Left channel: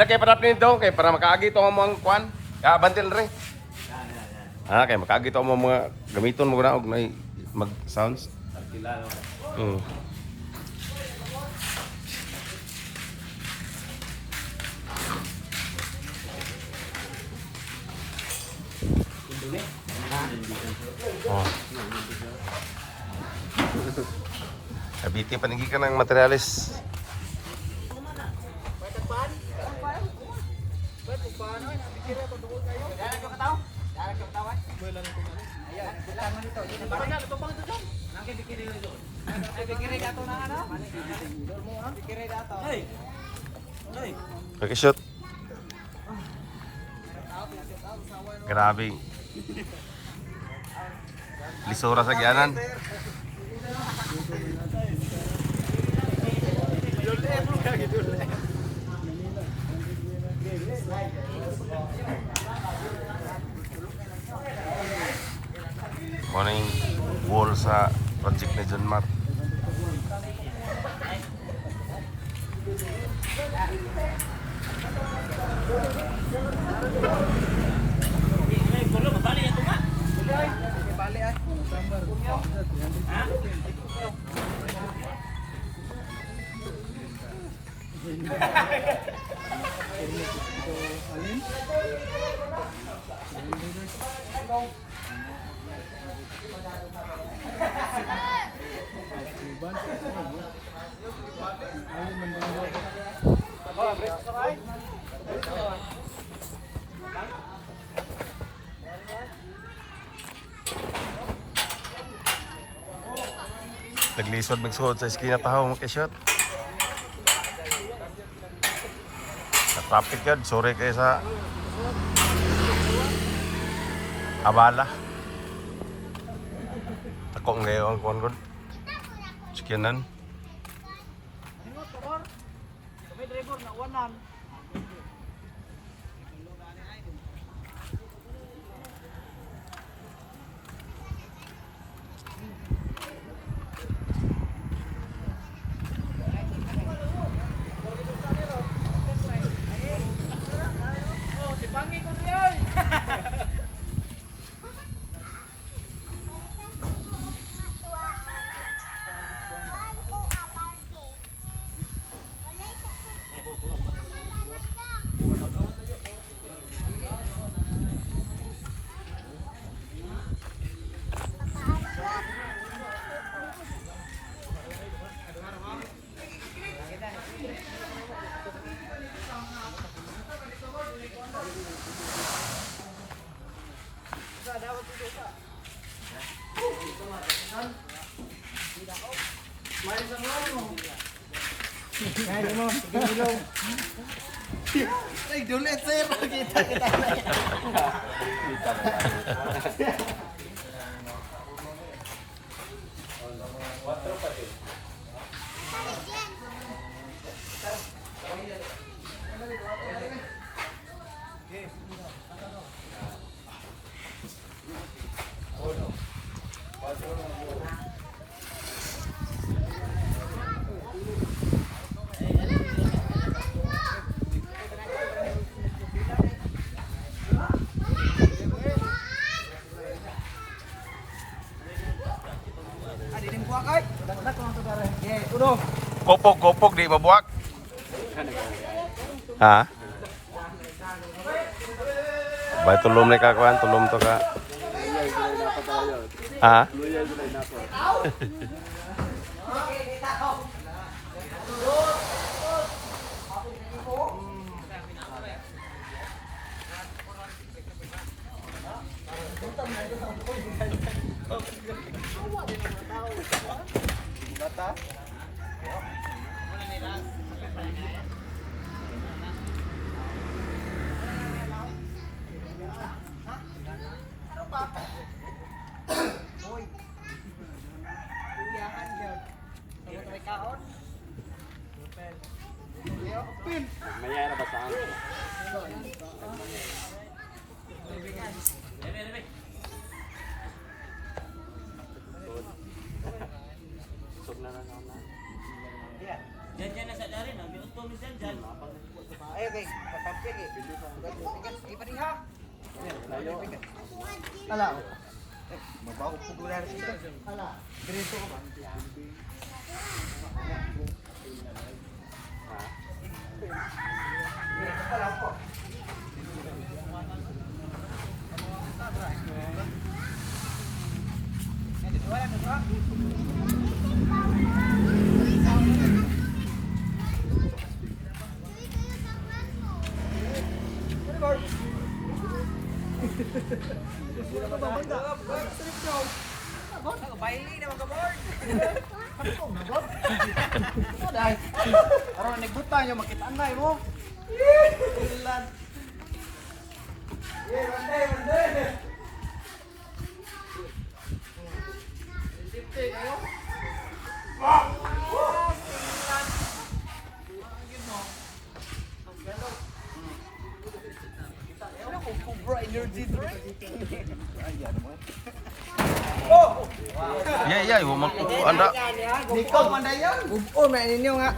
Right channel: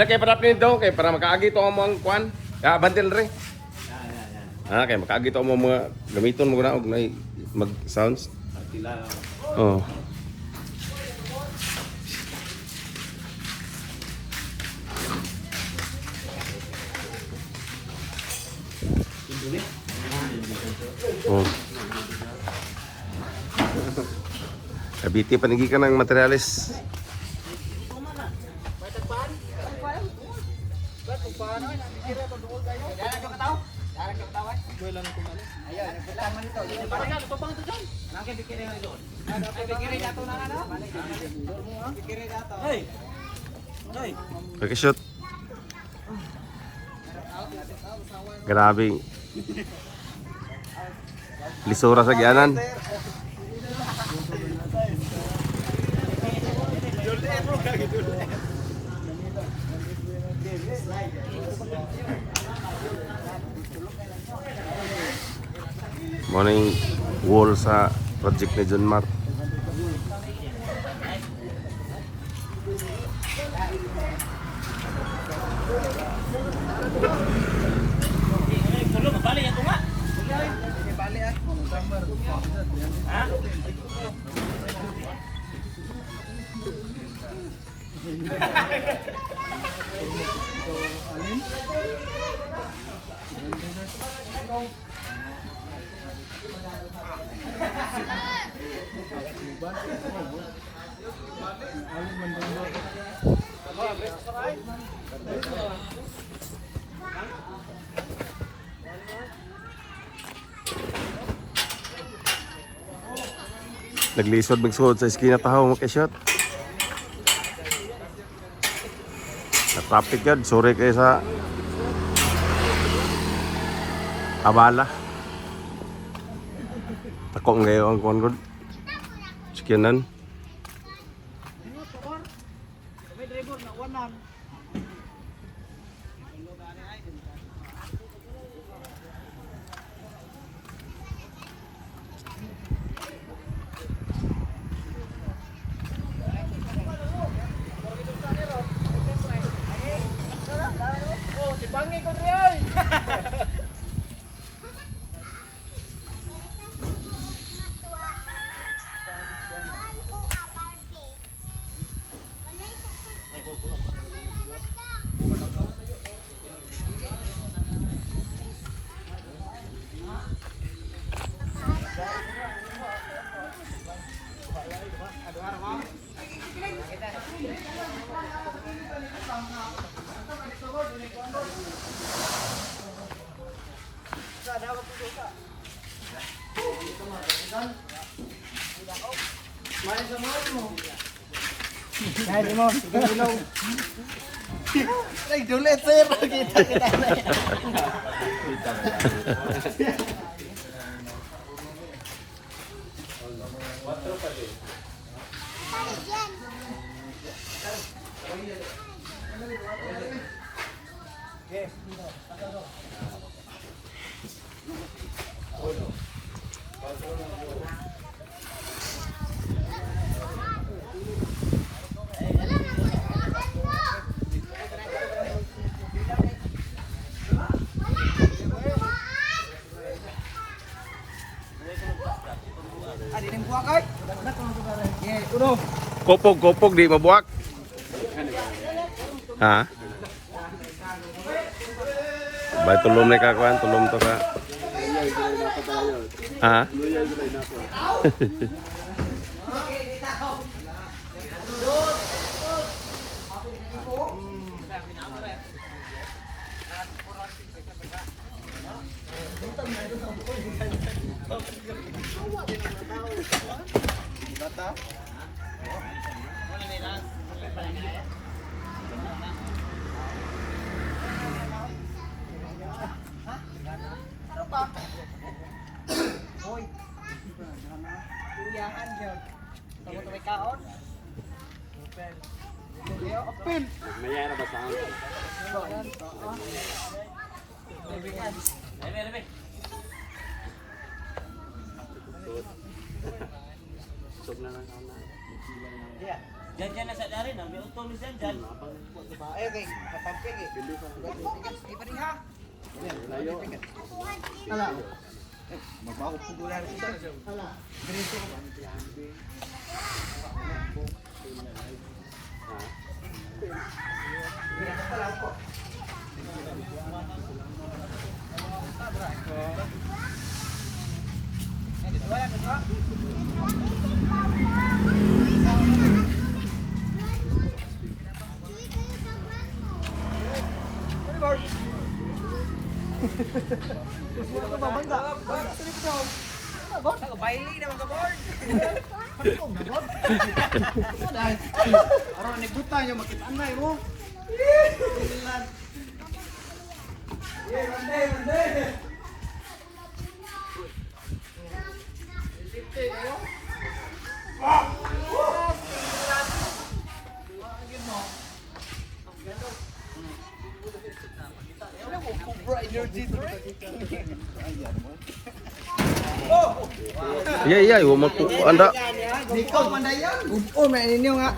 Ala kay para dong kay para makaagi to ang kwan. Ya bantil re. Kay makaagi to mga gamiton mo na og mag sounds. Partila. Oh. Oh. Kabiti panigi ka ng materialis. Pakishoot. Grabe. Lisura sa gianan. Morning wall sa project ni John Mar. Balik ya tunga. Balik ah. Ha? Naglisod magsuot sa esquina tahaw mo kay-shot. Sa traffic yun, sorry kayo sa Abala. Takong ngayon ang kuwan ko. Skinan. Bangi ko riay. Ay, dulit sir. Kita. Kopog di mabuak. Ha? Bay tulom ni kakuan, tulom to ka. Ha? Hoy. Kuyahan jud. Kamu tuway kaon. Hotel. Hotel open. Maya na ba sa akin? Lebe. Diyan na sa darin, ang biuto ni Diyan. Ayo kay, papampig eh. Sige pa rin ha. Ala. Mabaho po gula rin ito. Ala. Ganito ko. Wala na ba? Baili naman ka board. Patong na board. Dai. Aron nagbuta niyo makitaan na mo. Ilan. Mande. Sipte kayo. Wah. Energy drink. Iya iya, yo magku anda. Niko mandayan. Oh, may ninyo nga.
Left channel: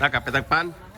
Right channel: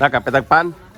Nakapitagpan.